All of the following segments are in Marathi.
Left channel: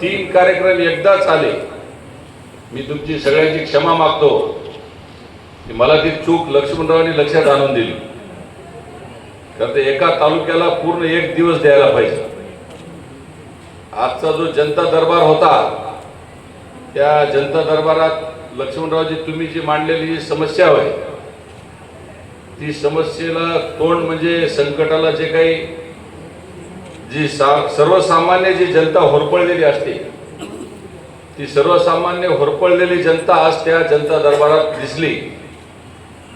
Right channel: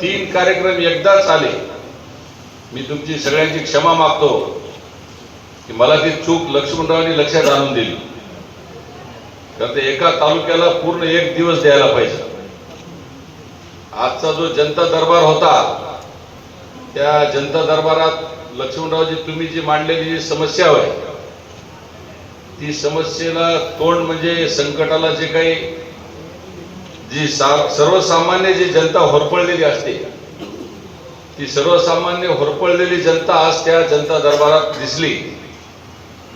तीन कार्यक्रम एकदाच आले मी तुमची सगळ्यांची क्षमा मागतो. की मला ती चूक लक्ष्मणरावांनी लक्षात आणून दिली. कारण ते एका तालुक्याला पूर्ण एक दिवस द्यायला पाहिजे. आजचा जो जनता दरबार होता त्या जनता दरबारात लक्ष्मणरावजी तुम्ही जी मांडलेली जी समस्या आहे ती समस्येला तोंड म्हणजे संकटाला जे काही जी सा सर्वसामान्य जी जनता होरपळलेली असते ती सर्वसामान्य होरपळलेली जनता आज त्या जनता दरबारात दिसली.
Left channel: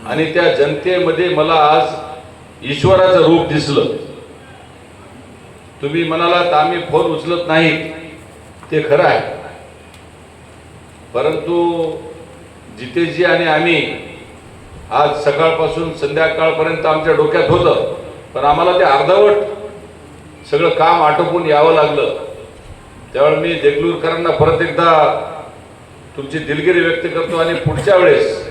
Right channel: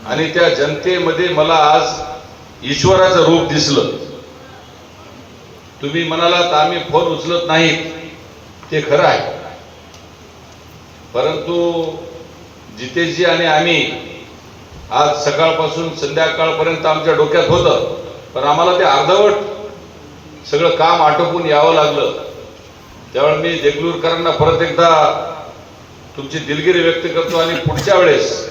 आणि त्या जनतेमध्ये मला आज ईश्वराचं रूप दिसलं. तुम्ही म्हणालात आम्ही फोन उचलत नाहीत. ते खरं आहे. परंतु जितेशजी आणि आम्ही आज सकाळपासून संध्याकाळपर्यंत आमच्या डोक्यात होतं पण आम्हाला ते अर्धवट सगळं काम आटोपून यावं लागलं. त्यावेळी मी देगलूरकरांना परत एकदा तुमची दिलगिरी व्यक्त करतो आणि पुढच्या वेळेस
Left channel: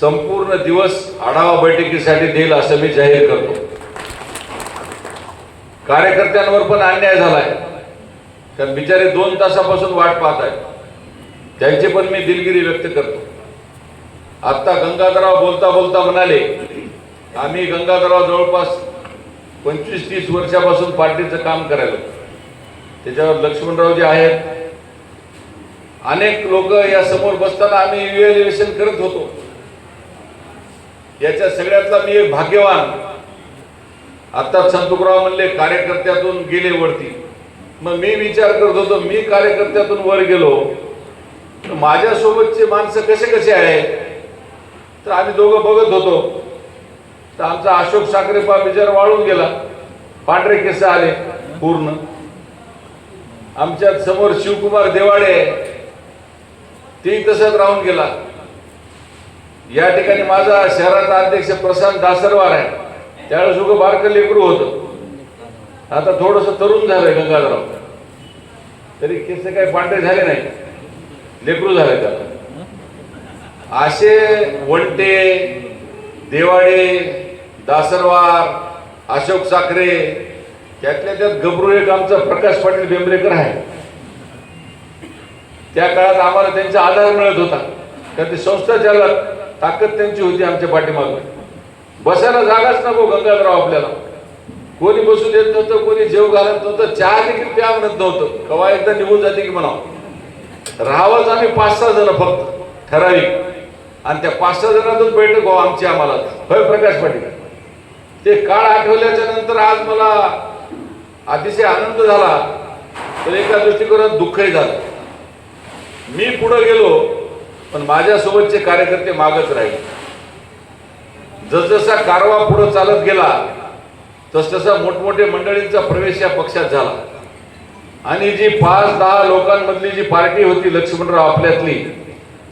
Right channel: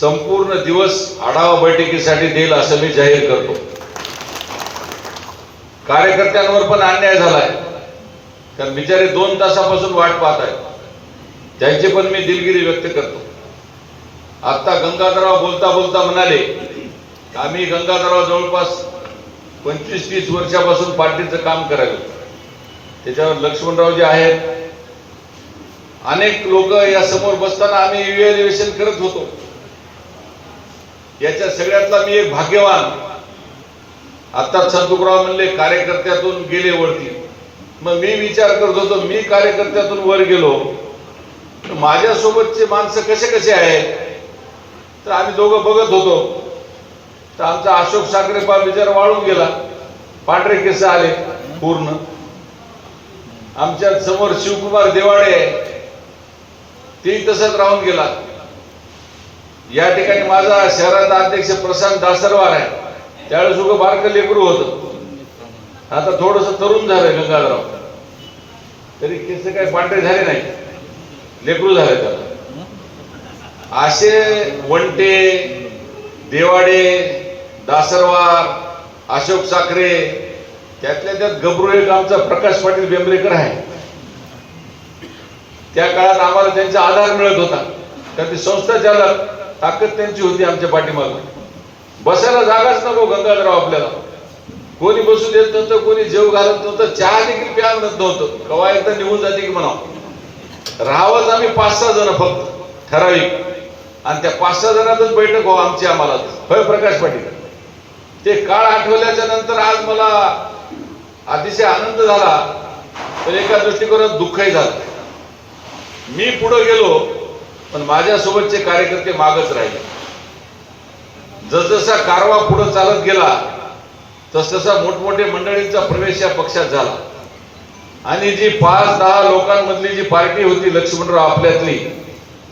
संपूर्ण दिवस आढावा बैठकीसाठी देईल असं मी जाहीर करतो. कार्यकर्त्यांवर पण अन्याय झालाय. कारण बिचारे दोन तासापासून वाट पाहत आहेत. त्यांची पण मी दिलगिरी व्यक्त करतो. आता गंगाधरराव बोलता बोलता म्हणाले आम्ही गंगाधरराव जवळपास पंचवीस तीस वर्षापासून पार्टीचं काम करायला त्याच्यावर लक्ष्मणराव जे आहेत अनेक लोक या समोर बसताना आम्ही इव्हॅल्युएशन करत होतो. याच्या सगळ्यातला मी एक भाग्यवान आता संतुकराव म्हणले कार्यकर्त्यातून गेले वरती. मग मी विचार करत होतो मी कार्यकर्त्यातून वर गेलो माझ्यासोबतचे माणसं कसे कसे आहेत? तर आम्ही दोघं बघत होतो. तर आमचा अशोक साखरे पा विचार वाळून गेला. पांढरे केस आले पूर्ण. आमच्यासमोर शिवकुमार देवाडे आहे. तेही तसंच राहून गेला. या ठिकाणी माझा शहराचा अध्यक्ष प्रशांत दासरवार आहे. त्यावेळेस उगं बारकं लेकरू होतं. आता थोडस तरुण झालंय गंगाधरराव. तरी केस काही पांढरे झाले नाही. लेकरू झाले त्याला असे वंटे देवाडे दासरवार अशोक साखरे त्यातल्या त्यात गबरू एक आमचा प्रकाश पाटील बेंबरेकर आहे. त्या काळात आम्हाला त्यांचा आधार मिळत होता. तर ते संस्था चालक ताकद त्यांची होती आमच्या पाठीमागे. बसायला जागाच नको गंगाधरराव आपल्याला. कोणी बसू देत नव्हतं कोणी जेव घालत नव्हतं चहा देखील प्या म्हणत नव्हतं. कवा एकदा निघून जाते की म्हणावं. राहावंच आम्ही पाच सहा जण फक्त ठराविक. आणि त्या पाच सहा जणातच बैठक हो आमची आम्हाला. होय प्रकाश पाटील? ते काळ आठवल्याच्या नंतर आज मला अतिशय आनंद झाला. तर एका दृष्टिकोनात दुःखही झालं. मी पुढे गेलो पण माझ्यासोबतचे कार्यकर्ते मागच राहिले. जसजसा कारवा पुढे चालत गेला तसतसा मोठमोठे मंडळींचा प्रवेश या पक्षात झाला. आणि जी पाच दहा लोकांमधली जी पार्टी होती लक्ष्मणराव आपल्यातली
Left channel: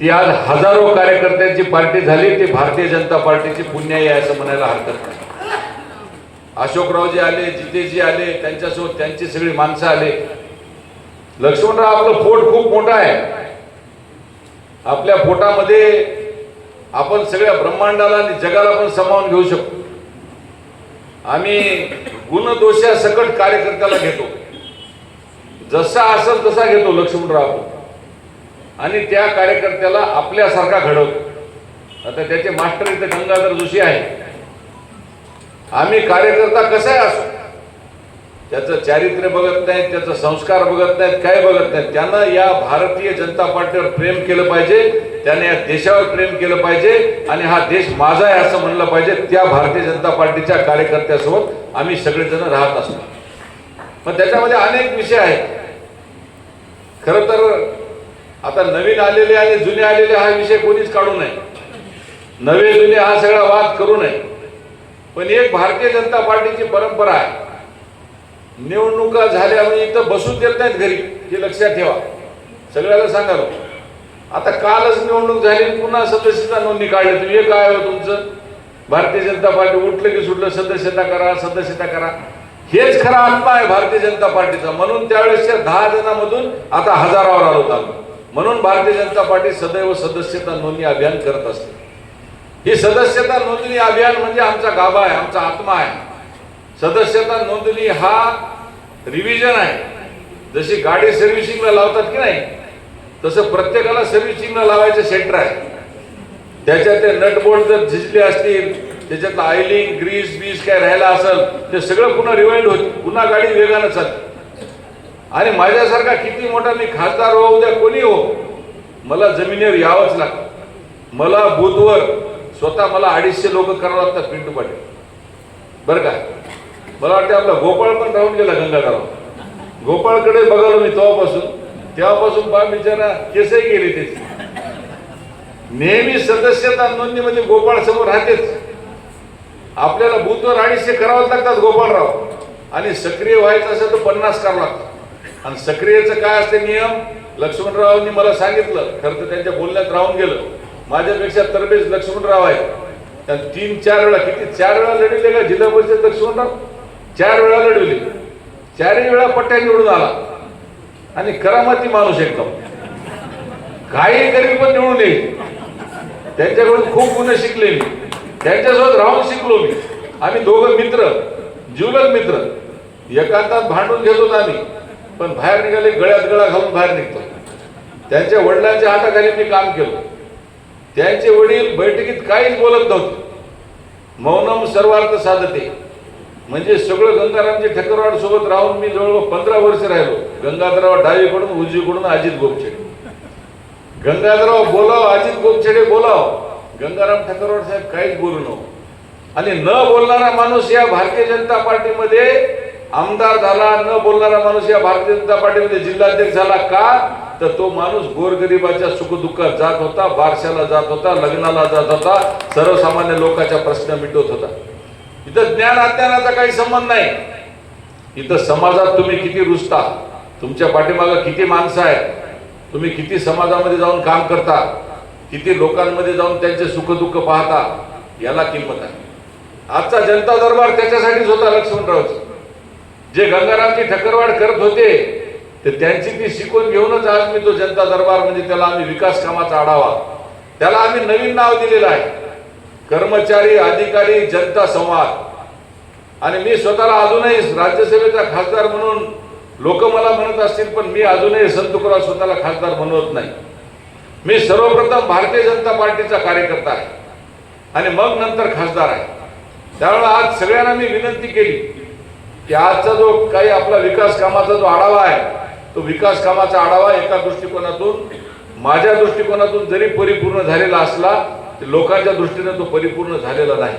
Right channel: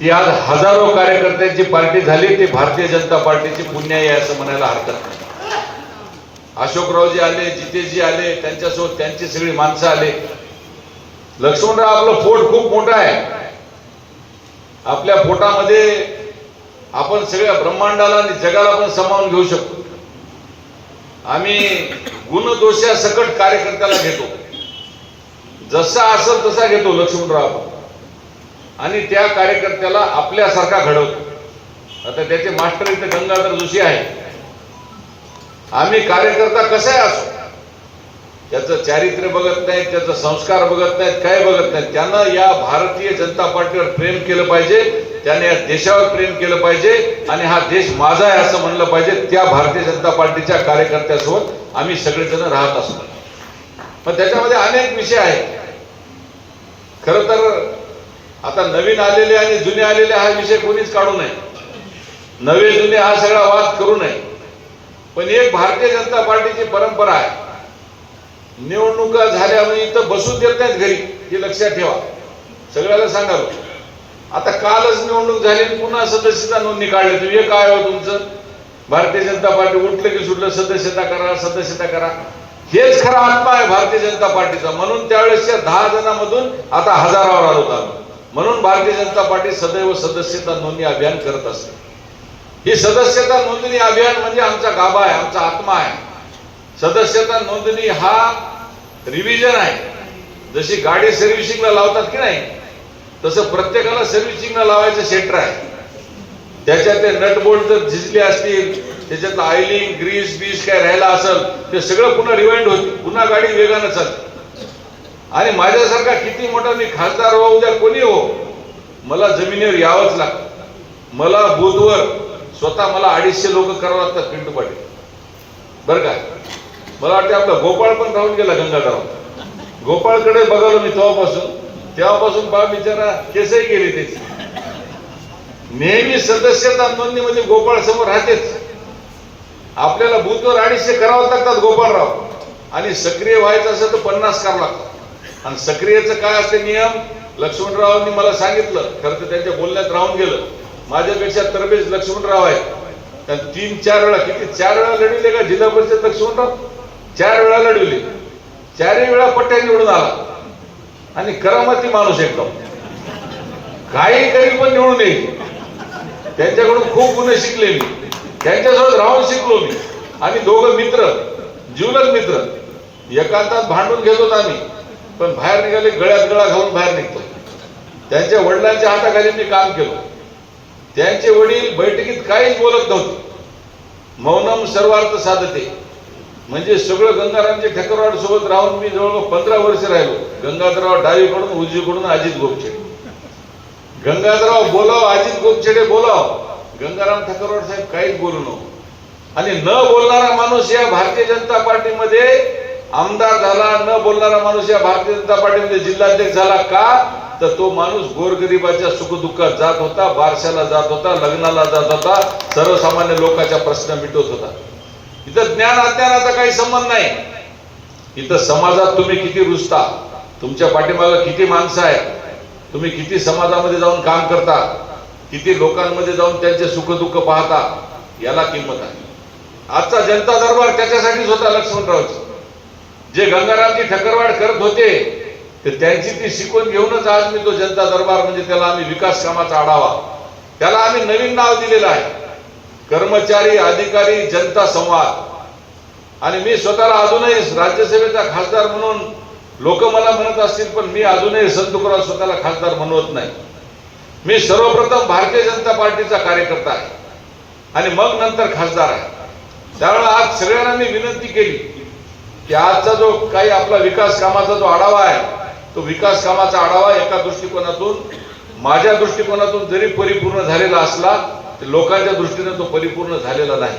ती आज हजारो कार्यकर्त्यांची पार्टी झाली. ती भारतीय जनता पार्टीची पुण्य आहे असं म्हणायला हरकत नाही. अशोकरावजी आले जितेशजी आले त्यांच्यासोबत त्यांची सगळी माणसं आले. लक्ष्मणराव आपलं फोट खूप मोठं आहे. आपल्या फोटामध्ये आपण सगळ्या ब्रह्मांडाला आणि जगाला पण सामावून घेऊ शकतो. आम्ही गुणदोषा सकट कार्यकर्त्याला घेतो. जसा असेल तसा घेतो लक्ष्मणराव. आणि त्या कार्यकर्त्याला आपल्यासारखा घडवतो. आता त्याचे मास्टर इथे गंगाधर जोशी आहे आम्ही कार्यकर्ता कसे असो त्याचं चारित्र्य बघत नाहीत त्याचा संस्कार बघत नाहीत काय बघत नाहीत. त्यांना या भारतीय जनता पार्टीवर प्रेम केलं पाहिजे त्याने या देशावर प्रेम केलं पाहिजे आणि हा देश माझा आहे असं म्हणलं पाहिजे त्या भारतीय जनता पार्टीच्या कार्यकर्त्यासोबत आम्ही सगळेजण राहत असतो. पण त्याच्यामध्ये अनेक विषय आहेत. खर तर आता नवीन आलेले आणि जुने आलेले हा विषय कोणीच काढू नये. नवे जुने हा सगळा वाद करू नये. पण एक भारतीय जनता पार्टीची परंपरा आहे. निवडणुका झाल्या म्हणजे इथं बसू देत नाहीत घरी हे लक्षात ठेवा. सगळ्याला सांगा आता कालच निवडणूक झाली पुन्हा सदस्यता नोंदणी काढली. तुम्ही हे काय हो तुमचं. भारतीय जनता पार्टी उठलं की सुटलं सदस्यता करा सदस्यता करा. हेच खरा आत्मा आहे भारतीय जनता पार्टीचा. म्हणून त्यावेळेसच्या दहा जणांमधून आता हजारावर आलो होता म्हणून भारतीय जनता पार्टी सदैव सदस्यता नोंदणी अभियान करत असते. ही सदस्यता नोंदणी अभियान म्हणजे आमचा गाभा आहे आमचा आत्मा आहे. सदस्यता नोंदणी हा रिव्हिजन आहे. जशी गाडी सर्व्हिसिंगला लावतात की नाही तसं प्रत्येकाला सर्व्हिसिंगला लावायचं सेंटर आहे. त्याच्यात ते नटबोल्ट जर झिजले असतील त्याच्यात आयलिंग ग्रीस बीस काय राहिला असेल ते सगळं पुन्हा रिवाइंड होईल पुन्हा गाडी वेगानं चालते. आणि माझ्यासारखा किती मोठा मी खासदार हो उद्या कोणी हो मला जमिनीवर यावंच लागतं. मला बुधवर स्वतः मला अडीचशे लोक करावं लागतात पिंटू पाटील बरं का? मला वाटतं आपला गोपाळ पण राहून गेला गंगाधराव गोपाळकडे बघालो मी तेव्हापासून. तेव्हापासून बा बिचारा केसही गेले त्याची. नेहमी सदस्यता नोंदणीमध्ये म्हणजे गोपाळ समोर राहतेच. आपल्याला बुथवर अडीचशे करावं लागतात गोपाळराव. आणि सक्रिय व्हायचं असेल तर पन्नास करावं लागतात. आणि सक्रियचं काय असते नियम? लक्ष्मणरावांनी मला सांगितलं. खरं तर त्यांच्या बोलण्यात राहून गेलं. माझ्यापेक्षा तरबेज लक्ष्मणराव आहे त्या तीन चार वेळा किती? चार वेळा लढविले का? जिल्हा परिषद लक्ष्मणराव? चार वेळा लढविले. चारही वेळा पट्ट्या निवडून आला. आणि करामती माणूस एकदम काही तरी पण निवडून येईल. त्यांच्याकडून खूप गुन्हे शिकले मी त्यांच्यासोबत राहून शिकलो मी. आम्ही दोघं मित्र जीवलग मित्र. एकांतात भांडून घेतो आम्ही. पण बाहेर निघाले गळ्यात गळा घालून बाहेर निघतो. त्यांच्या वडिलांच्या हाताखाली मी काम केलं. त्यांचे वडील बैठकीत काहीच बोलत नव्हते. मौनम सर्वार्थ साधते. म्हणजे सगळं गंगारामचे ठक्करवाड सोबत राहून मी जवळजवळ पंधरा वर्ष राहिलो. गंगाधरराव डावीकडून उजवीकडून अजित गोपछेडे. गंगाधरराव बोलाव अजित गोपछेडे बोलाव. गंगाराम ठक्करवाड साहेब काहीच बोलू नको. आणि न बोलणारा माणूस या भारतीय जनता पार्टीमध्ये आमदार झाला न बोलणारा माणूस या भारतीय जनता पार्टीमध्ये जिल्हाध्यक्ष झाला का? तर तो माणूस गोरगरिबाच्या सुखदुःखात जात होता बारशाला जात होता लग्नाला जात होता सर्वसामान्य लोकांच्या प्रश्न मिटवत होता. इथं ज्ञान अज्ञानाचा काही संबंध नाही. इथं समाजात तुम्ही किती रुजता तुमच्या पाठीमागं किती माणसं आहेत? तुम्ही किती समाजामध्ये जाऊन काम करता? किती लोकांमध्ये जाऊन त्यांचे सुखदुःख पाहता? याला किंमत आहे. आजचा जनता दरबार त्याच्यासाठीच होता लक्ष्मणरावचं जे गंगारामजी ठक्करवाड करत होते तर त्यांची ती शिकवण घेऊनच आज मी तो जनता दरबार म्हणजे त्याला आम्ही विकास कामाचा आढावा. त्याला आम्ही नवीन नाव दिलेलं आहे. कर्मचारी अधिकारी जनता संवाद. आणि मी स्वतःला अजूनही राज्यसभेचा खासदार म्हणून लोक मला म्हणत असतील पण मी अजूनही संतुकराव स्वतःला खासदार म्हणवत नाही. मी सर्वप्रथम भारतीय जनता पार्टीचा कार्यकर्ता आहे. आणि मग नंतर खासदार आहे. त्यामुळे आज सगळ्यांना मी विनंती केली की आजचा जो काही आपला विकास कामाचा जो आढावा आहे तो विकास कामाचा आढावा एका दृष्टिकोनातून माझ्या दृष्टिकोनातून जरी परिपूर्ण झालेला असला तरी लोकांच्या दृष्टीने तो परिपूर्ण झालेला नाही.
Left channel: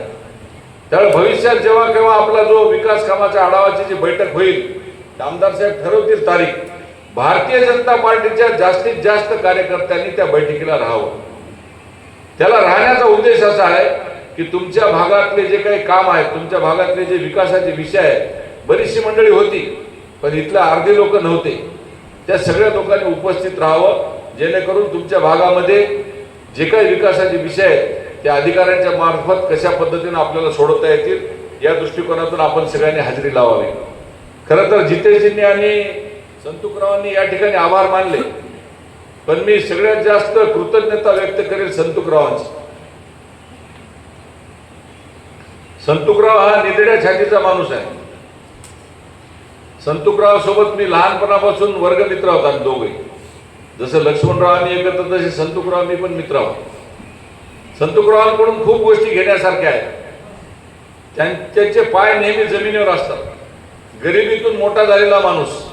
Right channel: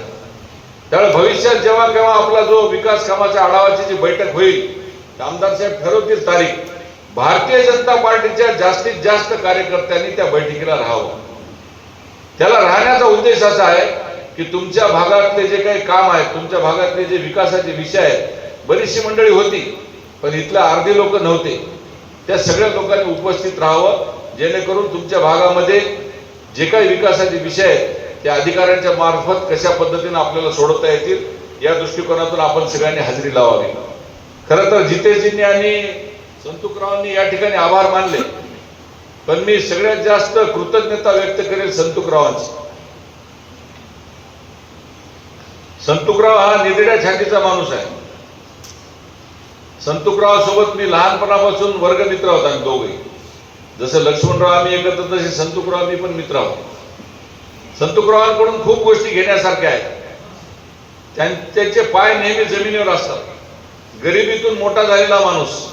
त्यामुळे भविष्यात जेव्हा केव्हा आपला जो विकास कामाच्या आढावाची जी बैठक होईल आमदार साहेब ठरवतील तारीख. भारतीय जनता पार्टीच्या जास्तीत जास्त कार्यकर्त्यांनी त्या बैठकीला राहावं. त्याला राहण्याचा उद्देश असा आहे की तुमच्या भागातले जे काही काम आहे तुमच्या भागातले जे विकासाचे विषय आहेत बरीचशी मंडळी होती पण इथल्या अर्धे लोक नव्हते. त्या सगळ्या लोकांनी उपस्थित राहावं जेणेकरून तुमच्या भागामध्ये जे काही विकासाचे विषय आहेत त्या अधिकाऱ्यांच्या मार्फत कशा पद्धतीने आपल्याला सोडवता येतील या दृष्टिकोनातून आपण सगळ्यांनी हजेरी लावावी. खरं तर जितेशजींनी आणि संतुकरावांनी या ठिकाणी आभार मानले पण मी सगळ्यात जास्त कृतज्ञता व्यक्त करेल संतुकरावांची. संतुकराव हा निधड्या छातीचा माणूस आहे. संतुकरावासोबत मी लहानपणापासून वर्गमित्र होता आम्ही दोघे. जसं लक्ष्मणराव आम्ही एकत्र तसे संतुकराव मी पण मित्र आहोत. संतुकरावांकडून खूप गोष्टी घेण्यासारख्या आहेत. त्यां- त्यांचे पाय नेहमी जमिनीवर असतात. गरिबीतून मोठा झालेला माणूस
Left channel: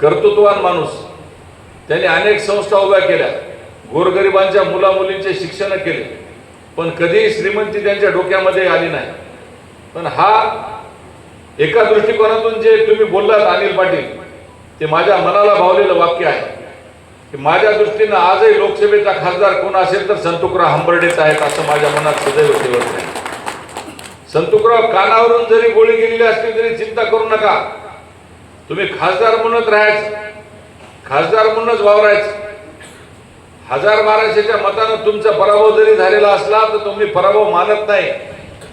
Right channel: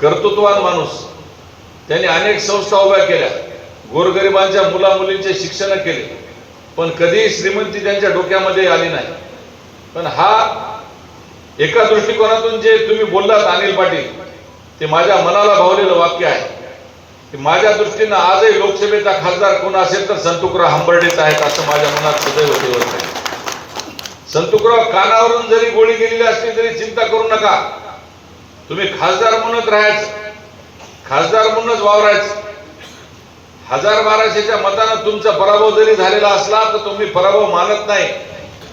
कर्तृत्वान माणूस त्यांनी अनेक संस्था उभ्या केल्या. गोरगरिबांच्या मुला मुलींचे शिक्षण केले. पण कधीही श्रीमंती त्यांच्या डोक्यामध्ये आली नाही. पण हा एका दृष्टिकोनातून जे तुम्ही बोललात अनिल पाटील ते माझ्या मनाला भावलेलं वाक्य आहे. की माझ्या दृष्टीनं आजही लोकसभेचा खासदार कोण असेल तर संतुकराव हंबर्डेच आहेत असं माझ्या मनात सदैव ठेवत संतुकराव कानावरून जरी गोळी गेलेली असली तरी चिंता करू नका. तुम्ही खासदार म्हणत राहायच. खासदार म्हणूनच वावरायच. हजार बाराशेच्या मतानं तुमचा पराभव जरी झालेला असला तर तुम्ही पराभव मानत नाही.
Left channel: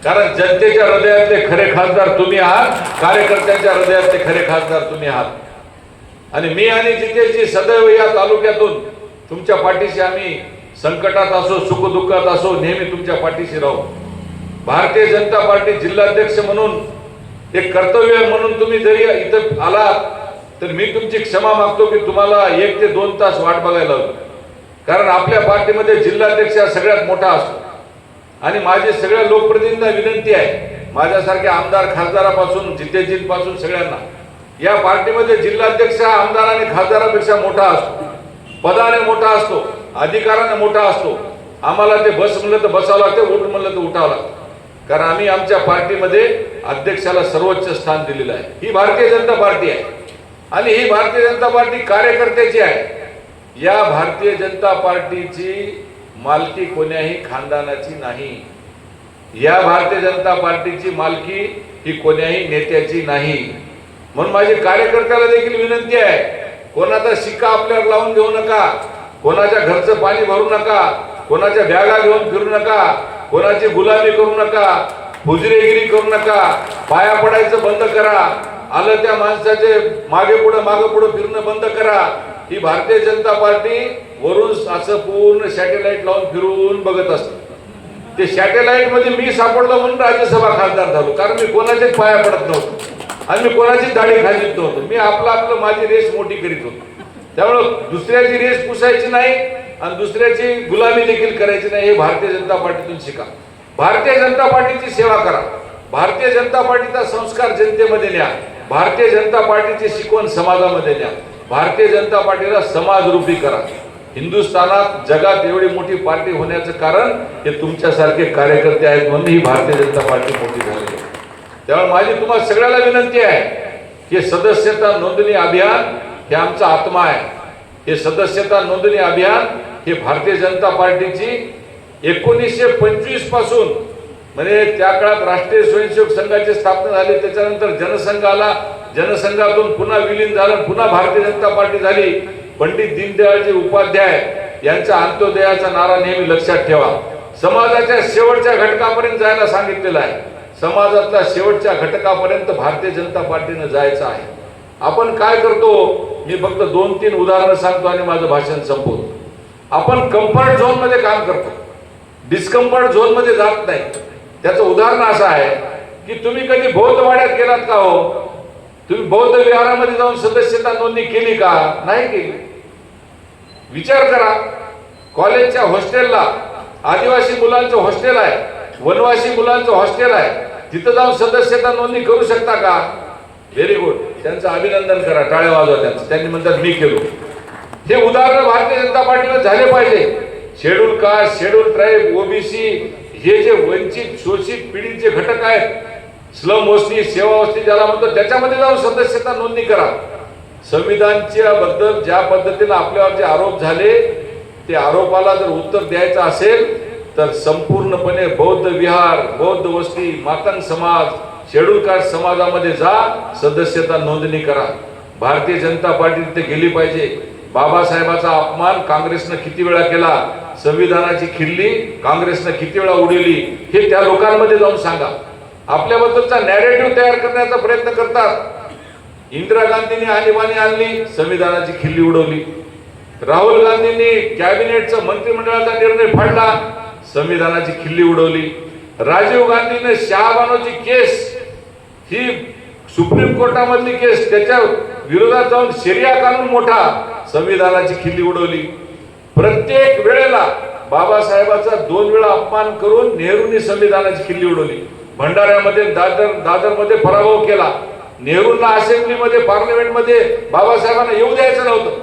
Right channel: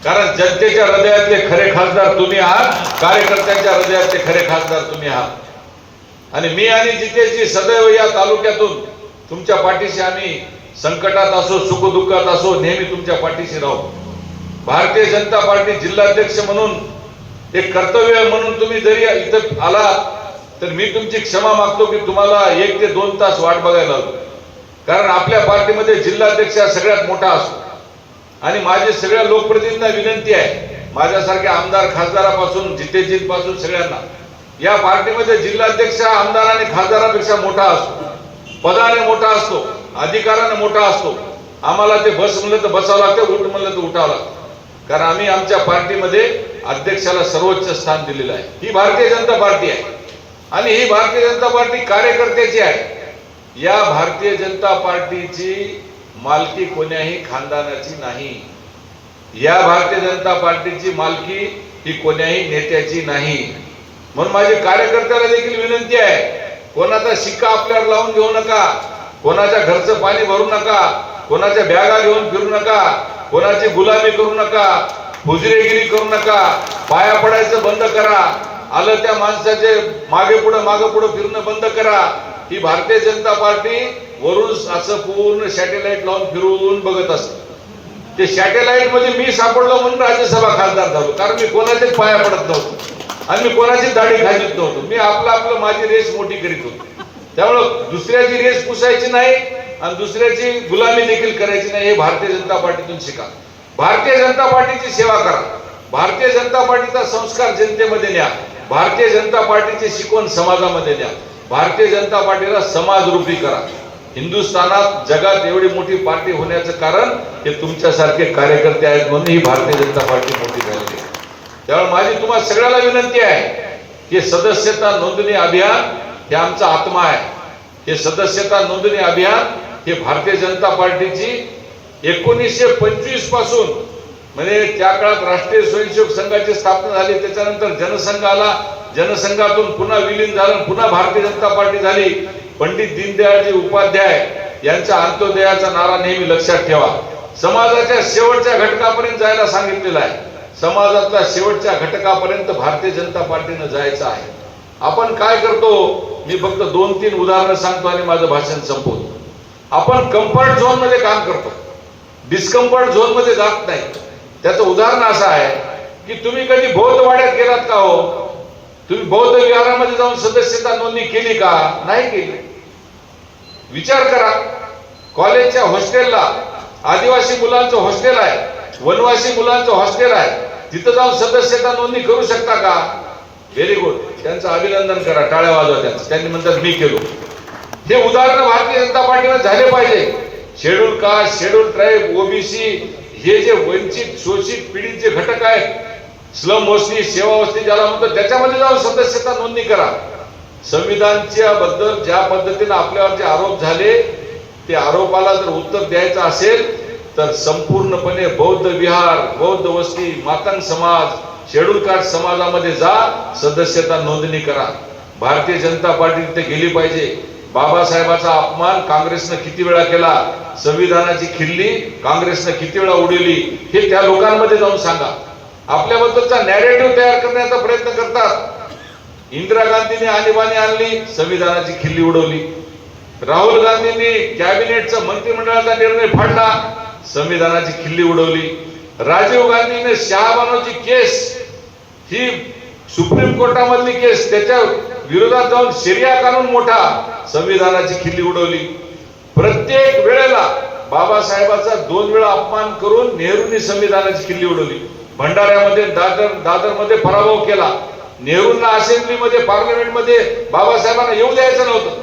कारण जनतेच्या हृदयातले खरे खासदार तुम्ही आहात कार्यकर्त्यांच्या हृदयातले खरे खासदार तुम्ही आहात. आणि मी आणि जितेशजी सदैव या तालुक्यातून तुमच्या पाठीशी आम्ही संकटात असो सुखदुःखात असो नेहमी तुमच्या पाठीशी राहू. भारतीय जनता पार्टी जिल्हाध्यक्ष म्हणून एक कर्तव्य म्हणून तुम्ही जरी इथं आलात तर मी तुमची क्षमा मागतो की तुम्हाला एक ते दोन तास वाट बघायला कारण आपल्या पार्टीमध्ये जिल्हाध्यक्ष हा सगळ्यात मोठा असतो. आणि माझी सगळ्या लोकप्रतिनिधींना विनंती आहे माझ्यासारख्या आमदार खासदारापासून जितेजींपासून सगळ्यांना. या पार्टीमध्ये जिल्हाध्यक्ष हा आमदार आणि खासदारापेक्षा मोठा असतो. पदाने मोठा असतो अधिकाराने मोठा असतो. आम्हाला ते बस म्हणलं तर बसावं लागतं उठ म्हणलं तर उठावं लागतं. कारण आम्ही आमच्या पार्टीमध्ये अध्यक्षाला सर्वोच्च स्थान दिलेलं आहे. ही भारतीय जनता पार्टी आहे. आणि ही भारतीय जनता पार्टी कार्यकर्त्याची आहे. या भारतीय जनता पार्टीची मालकी कोण्याही खानदानाची नाही. या भारतीय जनता पार्टीची मालकी ही कोण्याही नेत्याची नाही. म्हणून माझी कार्यकर्त्याला देखील विनंती आहे कोणाचा शिक्का आपल्याला लावून घेऊ नका कोणाच्या घरचं पाणी भरू नका कोणाच्या बॅगा घेऊन फिरू नका कोणाची गुलामी करू नका हुजरेगिरी करू नका पाया पडायचं बंद करा. आलं त्या माणसाचे मागे पुढं मागे पुढं फिरणं बंद करा. ही भारतीय जनता पार्टी वरून असं पूर्ण सॅटेलाइट लावून फिरवून बघत असत. ते सॅटेलाइटमध्ये मी सापडलो म्हणून राज्यसभा खासदार झालो. कारण मी कोणाचेच पाया पडत नव्हतो. आणि मी कोणाचीच दाढी खाजीत नव्हतो. मी आपलं आपलं माझी रेस मोठी करीत होतो. त्यामुळं दुसऱ्याची रेस पुसायची नाही आणि दुसऱ्याची गुलामी देखील करायची नाही हे भारतीय जनता पार्टीतून शिका. भारतीय जनता पार्टीची सेवा करा. भारतीय जनता पार्टीचा संस्कार जनतेमध्ये न्या. भारतीय जनता पार्टीची शिकवण समाजामध्ये द्या. भारतीय जनता पार्टीला समाजरूपी करा. हिंदुस्थानात जगात एवढी मोठी पार्टी होण्याचं कारण हे तुमच्यासारखे कार्यकर्ते आहेत म्हणून ही भारतीय जनता पार्टी मोठी झाली त्यामुळे माझी तुम्हाला सगळ्याला विनंती आहे की सदस्यता नोंदणी अभियान हे आमचा आत्मा आहे. हे सदस्यता नोंदणी अभियान हे भारतीय जनता पार्टीची एकोणीसशे पंचवीसपासून म्हणजे त्या काळात राष्ट्रीय स्वयंसेवक संघाची स्थापना झाली त्याच्यानंतर जनसंघ आला जनसंघातून पुन्हा विलीन झालं पुन्हा भारतीय जनता पार्टी झाली. पंडित दीनदयाळजी उपाध्याय यांच्या अंत्योदयाचा नारा नेहमी लक्षात ठेवा. समाजाच्या शेवटच्या घटकापर्यंत जायला सांगितलेलं आहे. समाजातल्या शेवटच्या घटकापर्यंत भारतीय जनता पार्टीनं जायचं आहे. आपण काय करतो? मी फक्त दोन तीन उदाहरणं सांगतो आणि माझं भाषण संपवतो. आपण कम्फर्ट झोनमध्ये काम करतो. डिस्कम्फर्ट झोनमध्ये जात नाही. त्याचं उदाहरण असं आहे की तुम्ही कधी बौद्ध वाड्यात गेलात का हो? तुम्ही बौद्ध विहारामध्ये जाऊन सदस्यता नोंदणी केली का? नाही केली. विचार करा. कॉलेजच्या हॉस्टेलला आदिवासी मुलांचं हॉस्टेल आहे वनवासी मुलांचं हॉस्टेल आहे तिथं जाऊन सदस्यता नोंदणी करू शकता का? व्हेरी गुड त्यांचं अभिनंदन करा. टाळ्या वाजवा त्यांचं. त्यांनी म्हणतात मी केलो. हे उदाहरण भारतीय जनता पार्टीनं झाले पाहिजे. Schedule caste schedule tribe OBC हे जे वंचित शोषित पिढीचे घटक आहेत स्लम वस्ती सेवा वस्ती ज्याला म्हणतो त्याच्यामध्ये जाऊन सदस्यता नोंदणी करा. संविधानच्या बद्दल ज्या पद्धतीने आपल्यावर जे आरोप झाले ते आरोपाला जर उत्तर द्यायचं असेल तर संपूर्णपणे बौद्ध विहार बौद्ध वस्ती मातंग समाज शेड्यूल कास्ट समाजामध्ये जा सदस्यता नोंदणी करा. भारतीय जनता पार्टी तिथे गेली पाहिजे. बाबासाहेबाचा अपमान काँग्रेसनं किती वेळा केला? संविधानाची खिल्ली काँग्रेसनं किती वेळा उडवली हे त्या लोकांमध्ये जाऊन सांगा. आपल्याबद्दलचा नॅरेटिव्ह तयार करण्याचा प्रयत्न करतात. इंदिरा गांधीने आणीबाणी आणली संविधानाची खिल्ली उडवली. राहुल गांधींनी कॅबिनेटचा मंत्रिमंडळाचा निर्णय फाडला संविधानाची खिल्ली उडवली. राजीव गांधीने शहाबानोची केस ही सुप्रीम कोर्टामधली केस त्याच्या विरोधात जाऊन शरिया कानून मोठा संविधानाची खिल्ली उडवली. प्रत्येक वेळेला बाबासाहेबाचा दोन वेळा अपमान करून नेहरूंनी संविधानाची खिल्ली उडवली. भंडाऱ्यामध्ये दादर दादरमध्ये पराभव केला. नेहरूंना असेंब्लीमध्ये पार्लमेंटमध्ये बाबासाहेबांना येऊ द्यायचं नव्हतं.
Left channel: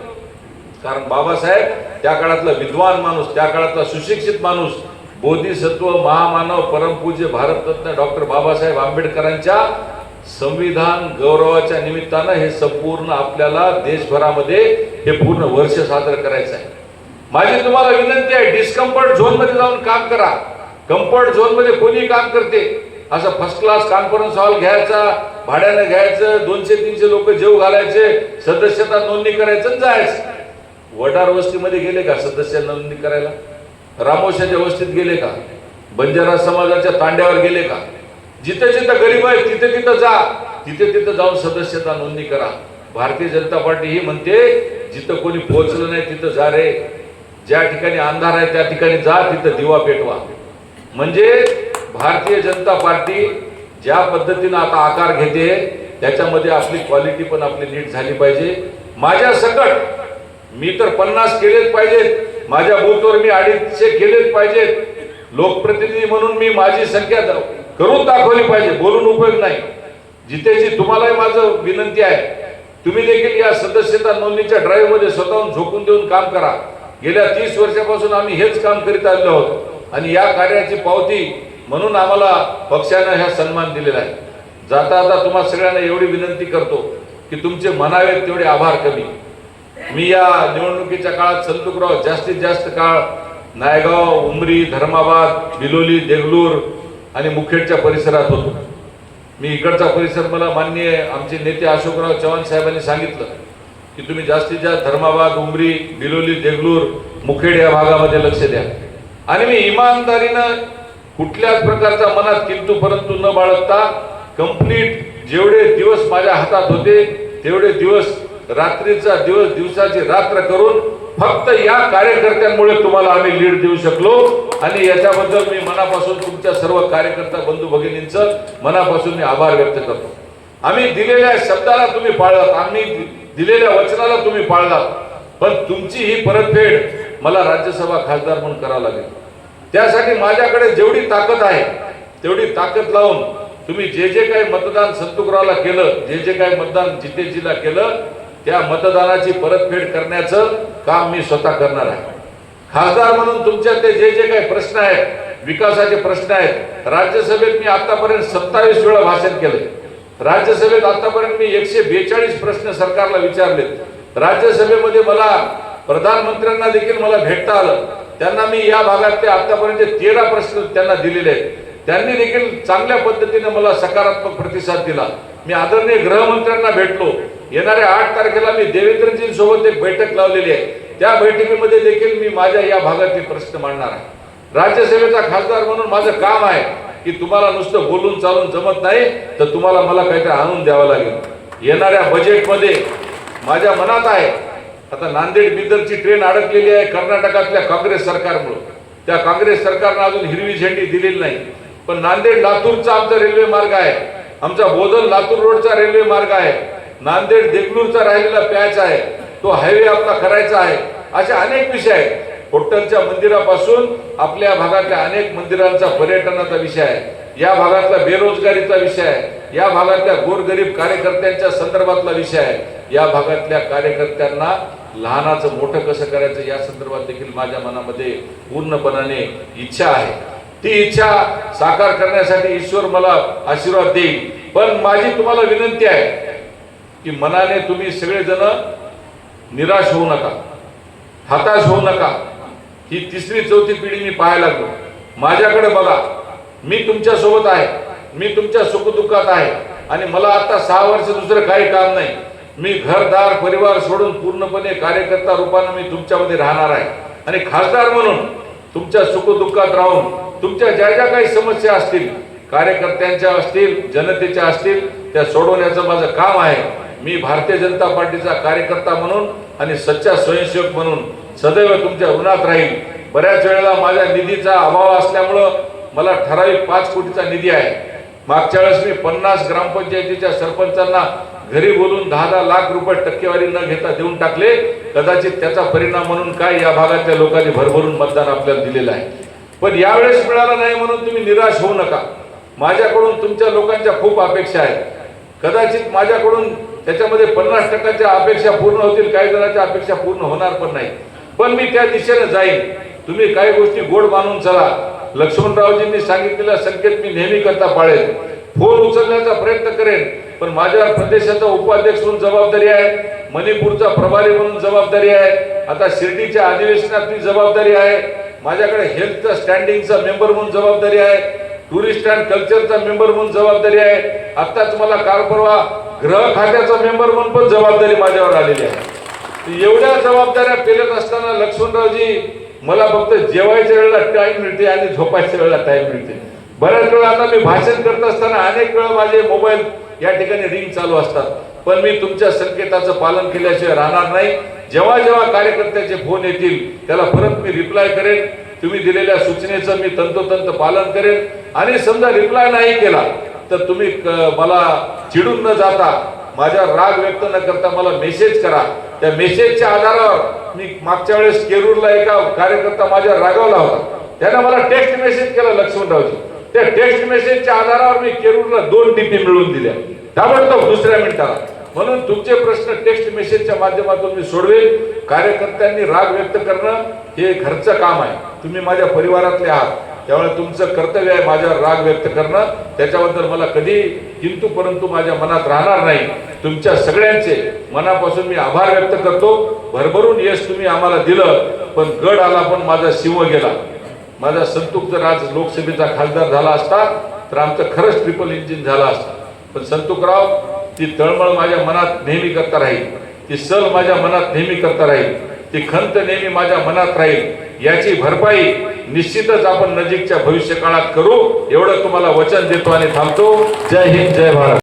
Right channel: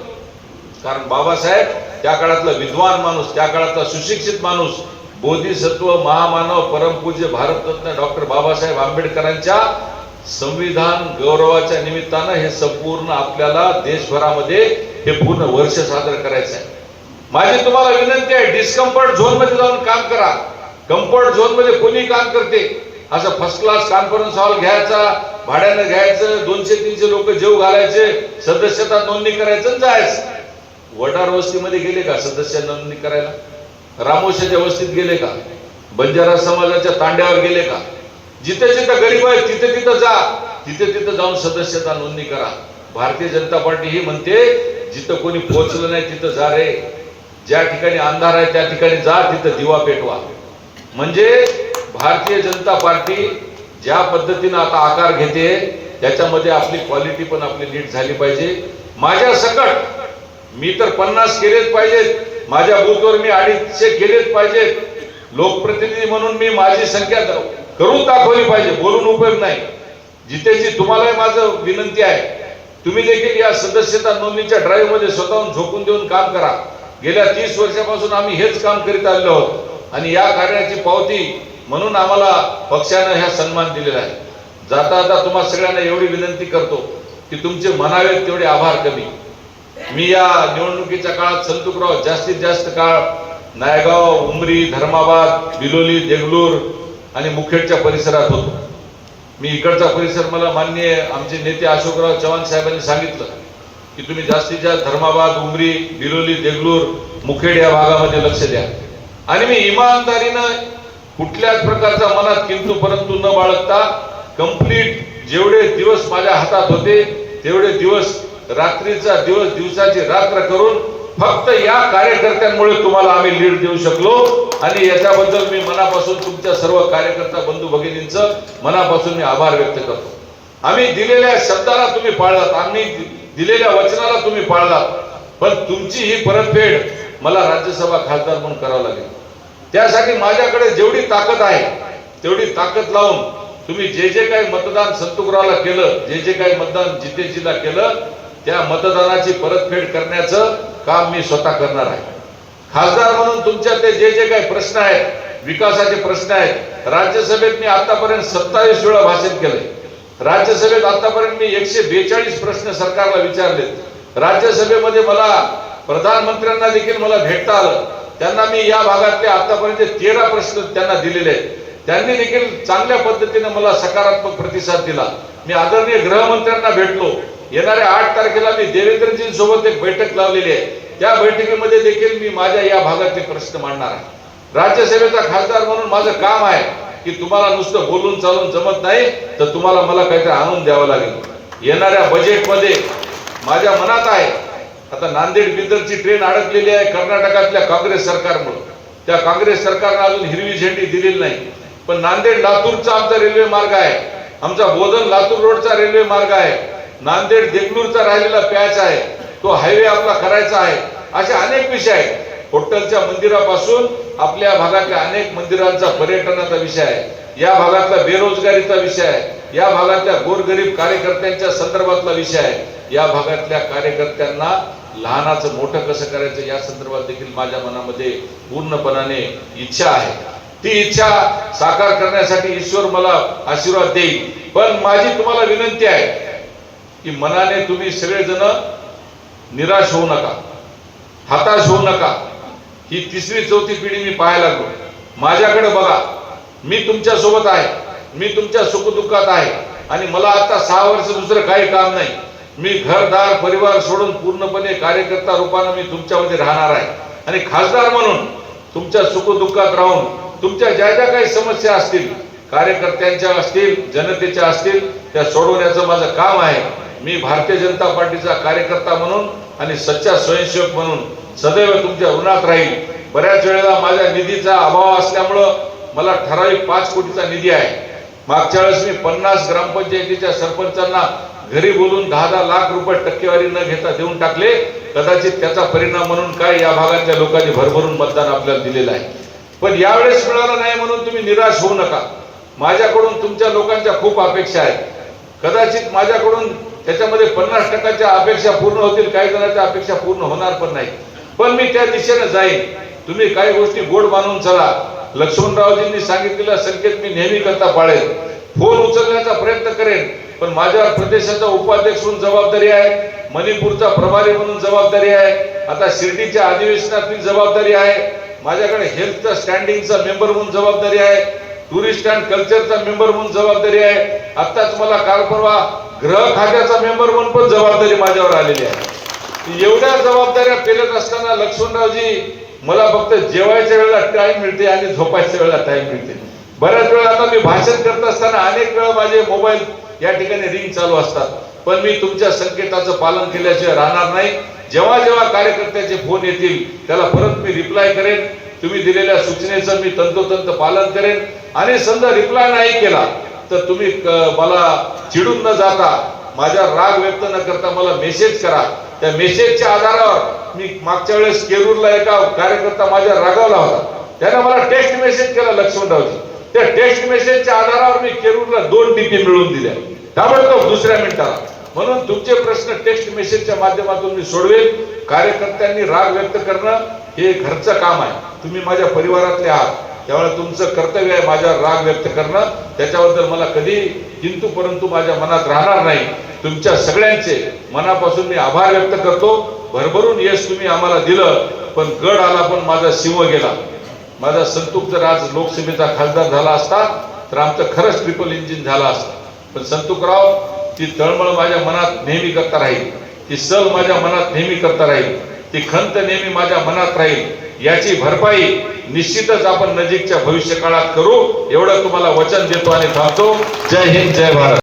कारण बाबासाहेब त्या काळातला विद्वान माणूस त्या काळातला सुशिक्षित माणूस बोधिसत्व महामानव परमपूज्य भारतरत्न डॉक्टर बाबासाहेब आंबेडकरांच्या संविधान गौरवाच्या निमित्तानं हे संपूर्ण आपल्याला देशभरामध्ये हे पूर्ण वर्ष सादर करायचं आहे माझी तुम्हाला विनंती आहे डिस्कम्फर्ट झोनमध्ये जाऊन काम करा. कम्फर्ट झोनमध्ये कोणी काम करते. असं फर्स्ट क्लास कॉन्फरन्स हॉल घ्यायचा भाड्यानं घ्यायचं दोनशे तीनशे लोक जेव घालायचे सदस्यता नोंदणी करायचं जायचं. वडार वस्तीमध्ये गेले का सदस्य नोंदणी करायला? रामोशाच्या वस्तीत गेले का? बंजारा समाजाच्या तांड्यावर गेले का? जिथे जिथं गरीब आहे तिथे तिथं जा. तिथे तिथं जाऊन सदस्यता नोंदणी करा. भारतीय जनता पार्टी ही म्हणते जिथं कोणी पोहोचलं नाही तिथं जा रे. ज्या ठिकाणी अंधार आहे त्या ठिकाणी जा तिथं दिवा पेटवा. म्हणजे भारतीय जनता पार्टी ज्या पद्धतीनं आता आकार घेते त्याच्यामध्ये आपली क्वालिटी पण आपली नीट झाली पाहिजे. माझ्या सकट मी तर पन्नास केलेच पाहिजेत. माझ्या बूथवर मी अडीचशे केलेच पाहिजेत. लोकप्रतिनिधी म्हणून मी माझी संख्या द- करून दाखवली पाहिजे बोलून उपयोग नाही. जितेची तुम्हालाही माझं विनंती आहे. तुम्ही देखील या सदस्यता नोंदणीच्या ड्राईव्हमध्ये स्वतःहून झोकून देऊन काम करा. गेल्या तीस वर्षापासून आम्ही हेच काम करीत आलेलो आहोत आणि या कार्याची पावती म्हणून आम्हाला पक्षानं ह्या सन्मान दिलेला आहे. जाता जाता तुम्हा सगळ्यांना एवढी विनंती करतो की तुमचे म्हणावे तेवढे आभार कमी. मी या निवडणुकीच्या काळात संतुकराव जास्तीत जास्त काळ नायगाव उमरी धर्माबाद बिलोली देगलूर आणि मुखेडच्या परिसरात होतो. मी इकडचा परिसर मला माननीय आमचे नेते अशोकराव चव्हाण साहेबांनी सांगितलं की तुम्ही जास्तीत जास्त धर्माबाद उमरी बिलोली देगलूर मुखेड या भागामध्ये लक्ष द्या. आणि मी इमानदारीनं कुठल्याच प्रकारचा मनात किंतु परंतु न बाळगता कंप्लीट जेवढे दिवस माझ्या हातात होते तेवढे दिवस रात्रीचा दिवस दिवसाची रात्र करून फक्त या कार्यकर्त्यांमुळे तुम्हाला आम्ही लीड देऊ शकलो. आणि याच्याबद्दल मी मनापासून तुमच्या सर्व कार्यकर्ता बंधू भगिनींचं मनापासून मी आभार व्यक्त करतो. आम्ही दिलेल्या शब्दाला तुम्ही पाळलात आम्ही दिलेल्या वचनाला तुम्ही पाळलात. पण तुमची ही परतफेड मला राज्यसभा खासदार म्हणून करावं लागेल. त्यासाठी माझ्याकडे जेवढी ताकद आहे तेवढी ताकद लावून तुम्ही जे जे काही मतदान संतुकरावला केलं जे जे काही मतदान जितेजीला केलं त्या मतदानाची परतफेड करण्याचं काम मी स्वतः करणार आहे. खासदार म्हणून तुमच्यातले जे जे काही प्रश्न आहेत विकासाचे प्रश्न आहेत राज्यसभेत मी आतापर्यंत सत्तावीस वेळा भाषण केले. राज्यसभेत आतापर्यंत मी एकशे बेचाळीस प्रश्न सरकारला विचारलेत. राज्यसभेमध्ये मला प्रधानमंत्र्यांना देखील मला भेटता आलं. त्यांना मी या भागातले आतापर्यंत तेरा प्रश्न त्यांना दिलेले आहेत. त्यांनी देखील चांगल्या पद्धतीने मला सकारात्मक प्रतिसाद दिला. मी आदरणीय गृहमंत्र्यांना भेटलो. येणाऱ्या आठ तारखेला मी देवेंद्रजींसोबत एक बैठक लावलेली आहे. त्या बैठकीमध्ये देखील मी माझ्या या भागातील प्रश्न मांडणार आहे. राज्यसभेचा खासदार म्हणून माझं काम आहे की तुम्हाला नुसतं बोलून चालून जमत नाही तर तुम्हाला मला काहीतरी आणून द्यावं लागेल. येणाऱ्या बजेटमध्ये माझ्या मनात आहे आता नांदेड बिदरची ट्रेन अडकलेली आहे कर्नाटकातल्या काँग्रेस सरकारमुळे. त्या काँग्रेस सरकारनं अजून हिरवी झेंडी दिलेली नाही. पण नांदेड लातूरचा आमचा रेल्वे मार्ग आहे. आमचा बोधन लातूर रोडचा रेल्वे मार्ग आहे. नांदेड देगलूरचा राहिलेला पॅच आहे. तो हायवे आपला करायचा आहे. असे अनेक विषय आहेत. होटलच्या मंदिरापासून आपल्या भागातल्या अनेक मंदिरांचा पर्यटनाचा विषय आहे. या भागातला बेरोजगारीचा विषय आहे. या भागातल्या गोरगरीब कार्यकर्त्यांच्या संदर्भातला विषय आहे. या भागातल्या कार्यकर्त्यांना लहानाचं मोठं कसं करायचं या संदर्भात देखील माझ्या मनामध्ये पूर्णपणाने इच्छा आहे. ती इच्छा साकार करण्यासाठी ईश्वर मला आशीर्वाद देईल. पण माझी तुम्हाला विनंती आहे की मनाने तुम्ही सगळेजण निराश होऊ नका हताश होऊ नका. ही तिसरी चौथी पिढी मी पाहायला लागलो. माझ्याकडे बघा मी तुमच्यासोबत आहे मी तुमच्या सुखदुःखात आहे आणि मला आता सहा वर्ष दुसरं काही काम नाही. मी घरदार परिवार सोडून पूर्णपणे कार्यकर्ता रूपाने मी तुमच्यामध्ये राहणार आहे. आणि खासदार म्हणून तुमच्या सुखदुःखात राहून तुमच्या ज्या ज्या काही समस्या असतील कार्यकर्त्यांच्या असतील जनतेच्या असतील त्या सोडवण्याचं माझं काम आहे. मी भारतीय जनता पार्टीचा कार्यकर्ता म्हणून आणि सच्चा स्वयंसेवक म्हणून सदैव तुमच्या ऋणात राहील. बऱ्याच वेळेला माझ्या निधीचा अभाव असल्यामुळं मला ठराविक पाच कोटीचा निधी आहे. मागच्या वेळेस मी पन्नास ग्रामपंचायतीच्या सरपंचांना घरी बोलून दहा दहा लाख रुपये टक्केवारी न घेता देऊन टाकले. कदाचित त्याचा परिणाम म्हणून काय या भागातल्या लोकांनी भरभरून मतदान आपल्याला दिलेलं आहे. पण यावेळेस मिळाला नाही म्हणून तुम्ही निराश होऊ नका. माझ्याकडून तुमच्या लोकांच्या खूप अपेक्षा आहेत. कदाचित माझ्याकडून त्याच्यामध्ये पन्नास टक्क्याच्या अपेक्षा पूर्ण होतील काही जणांच्या अपेक्षा पूर्ण होणार पण नाही. पण मी त्या दिशेने जाईन. तुम्ही काही गोष्टी गोड मानून चला. लक्ष्मणरावजींनी सांगितलेला संकेत मी नेहमी करता पाळेल फोन उचलण्याचा प्रयत्न करेन पण माझ्या प्रदेशाचा उपाध्यक्ष म्हणून जबाबदारी आहे मणिपूरचा प्रभारी म्हणून जबाबदारी आहे आता शिर्डीच्या अधिवेशनातली जबाबदारी आहे माझ्याकडे हेल्थचा स्टँडिंगचा मेंबर म्हणून जबाबदारी आहे टुरिस्ट अँड कल्चरचा मेंबर म्हणून जबाबदारी आहे. आत्ताच मला काल परवा ग्रह खात्याचा मेंबर म्हणून पण जबाबदारी माझ्यावर आलेली आहे. एवढ्या जबाबदाऱ्या पेलत असताना लक्ष्मणरावजी मला फक्त जेवायच्या वेळेला टाईम मिळते आणि झोपायच्या वेळेला टाईम मिळते. बऱ्याच वेळा आता मी भाषण करत असताना अनेक वेळा माझे मोबाईल या ठिकाणी रिंग चालू असतात. पण मी तुमच्या संकेताचं पालन केल्याशिवाय राहणार नाही. जेव्हा जेव्हा कार्यकर्त्याचे फोन येतील त्याला परत मी रिप्लाय करेन. तुम्ही दिलेल्या सूचनेचं मी तंतोतंत पालन करेन. आणि समजा रिप्लाय नाही केला तर तुम्ही मला चिडून न जाता माझ्या राग व्यक्त न करता मला मेसेज करा. त्या मेसेजच्या आधारावर मी मागच्या वेळेस केरूरला एका कार्यकर्ता माझ्या रागावला होता. त्याने मला टेक्स्ट मेसेज केला लक्ष्मणरावजी. त्या टेक्स्ट मेसेजच्या आधारावर मी केरूरला दोन टीपी मिळवून दिल्या. त्यामुळे तो दुसऱ्या मिनिटाला. म्हणून तुमचे प्रश्न टेक्स्ट मेसेजच्या माध्यमातून मी सोडवेल. कार्यकर्त्यांनी राग व्यक्त करणं हे घरचं काम आहे. तुम्ही माझ्या परिवारातले आहात. त्यामुळे तुमचं कर्तव्य आहे माझ्यावर राग व्यक्त करणं. त्याच्याबद्दल मला कधी किंतु परंतु माझ्या मनात राहणार नाही. तुमच्या सगळ्यांचे मनापासून मी आभार व्यक्त करतो. भरभरून यश तुम्ही आम्हाला दिलं पण गड आला पण माझा सिंह गेला. माझा संतुक जर आज लोकसभेचा खासदार झाला असता तर आमचं खरंच ट्रिपल इंजिन झालं असतं. पण संतुकराव ती तळमळ माझ्या मनात नेहमी करता राहील. ती सल माझ्या मनात नेहमी करता राहील. ती खंत नेहमी माझ्या मनात राहील. याची भरपाई निश्चितच आपण नजीकच्या भविष्य काळात करू. एवढं तुम्हाला वचन देतो आणि थांबतो. जय हिंद जय भारत.